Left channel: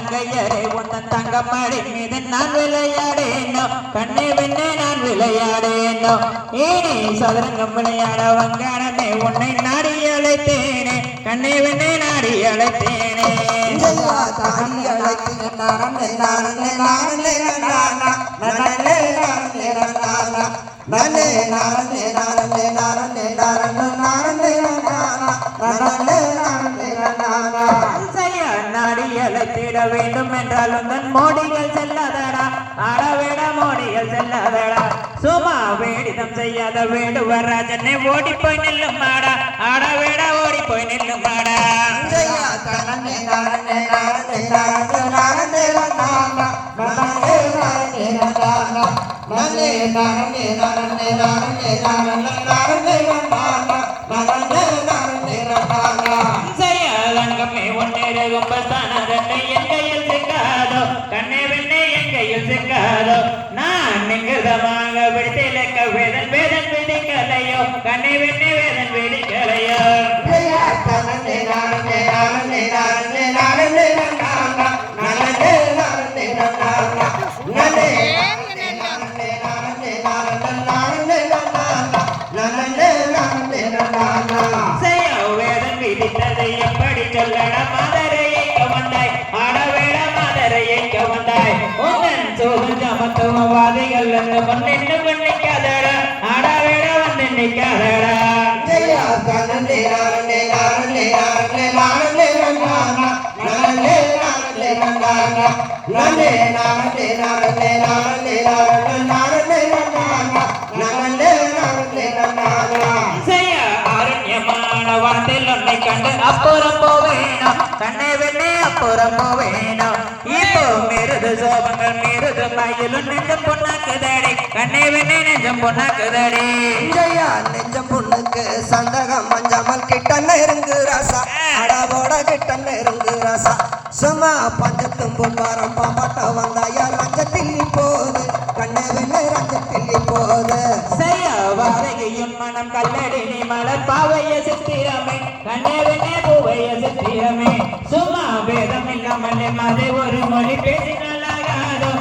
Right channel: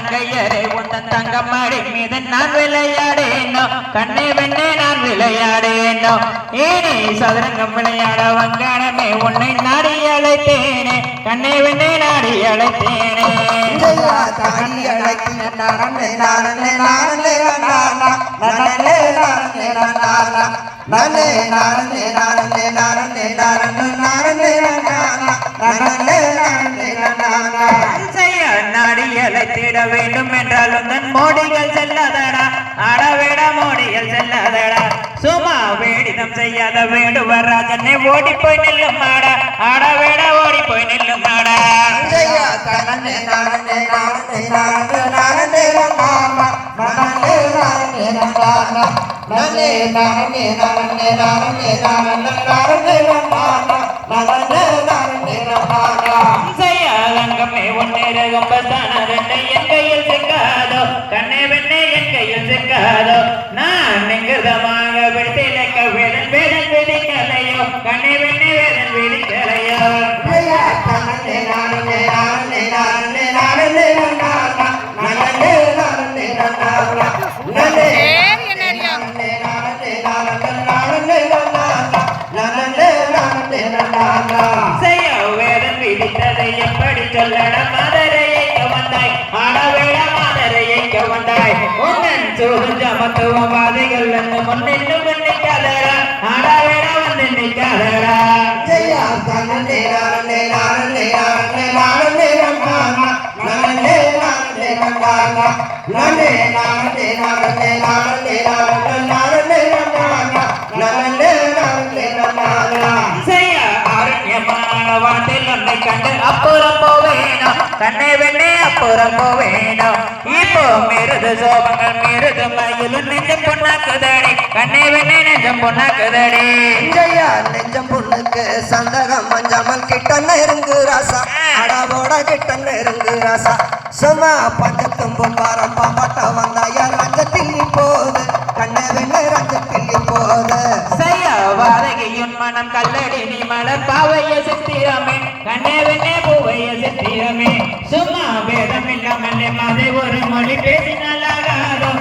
தங்கையரே உந்தன் தங்கம்மாடி மீது நான் விளையாடேனோ கண்ணே வெண்ணே நான் விளையாடேனோ ஏனே சதுரங்கம் விளையாட வங்கானமே உன்னை நாடி அழைத்தேனே கண்ணே வெண்ணே நாடி அழைத்தேனே நாடியலைத்திட வேண்டும் என்றாலும் தன் மோடிகள் செல்லாதடா ஆடவேட மோடிகள் செல்லாதடா சும்மா வேடிதம் செய்யாத வேடுவர் ராஜனே ஓடி போய் நில்லும் மாடா ஆடவேட ஓடி போய் நில்லும் மாடா செய்யாதங்கமே ஒன்னேரகம் பத்தானதென்னை என் கையில் சிக்காதோ கண்ணே வெண்ணே என் கையில் சிக்காதோ நான் எங்கிருதமாக விடுத்திலக்க வேதன் வேதன் வெடிக்கலையோ கண்ணே வெண்ணே வேதன் வெடிக்கலையோ எப்படி சொல்லட மதுரையை கவந்தாய் ஆடவேட மதுரையை கவந்தாய் உன்னன் சோதம் ஜமத்துவம் வாதைகள் என்று முன்னென்னு நிற்காதடா ஆடவேட வந்து நிற்காதடா அப்புறம் போவேணும் கண்ணே வெண்ணே அப்புறம் போவேணும் இப்போ மிருது சோபங்கள் மிருது மயிலும் நெஞ்சம் பொண்ணாக்குதடி கண்ணே வெண்ணே நெஞ்சம் பொண்ணாக்குதடி நெஞ்சம் பொண்ணுக்கு சந்தகம் மஞ்சமல் கிட்ட நெருங்கு ராசா அடாவோட கிட்ட நெருங்கு ராசா சும்மா பக்கத்தும் பொம்பாரம் பாப்பாட்ட வந்தாயா ரங்கத்தில் போது கண்ணே வெண்ணே ரங்கத்தில் போது செய்ய வாரகையின் மனம் கல்லடி நீ மலர் பாவைய சித்திரமே கண்ணே வெண்ணே பூவைய சித்திரமே சும்மா வேதம் இல்லாமல் அதை ஒரு மொழி பேசினாலாகாதோ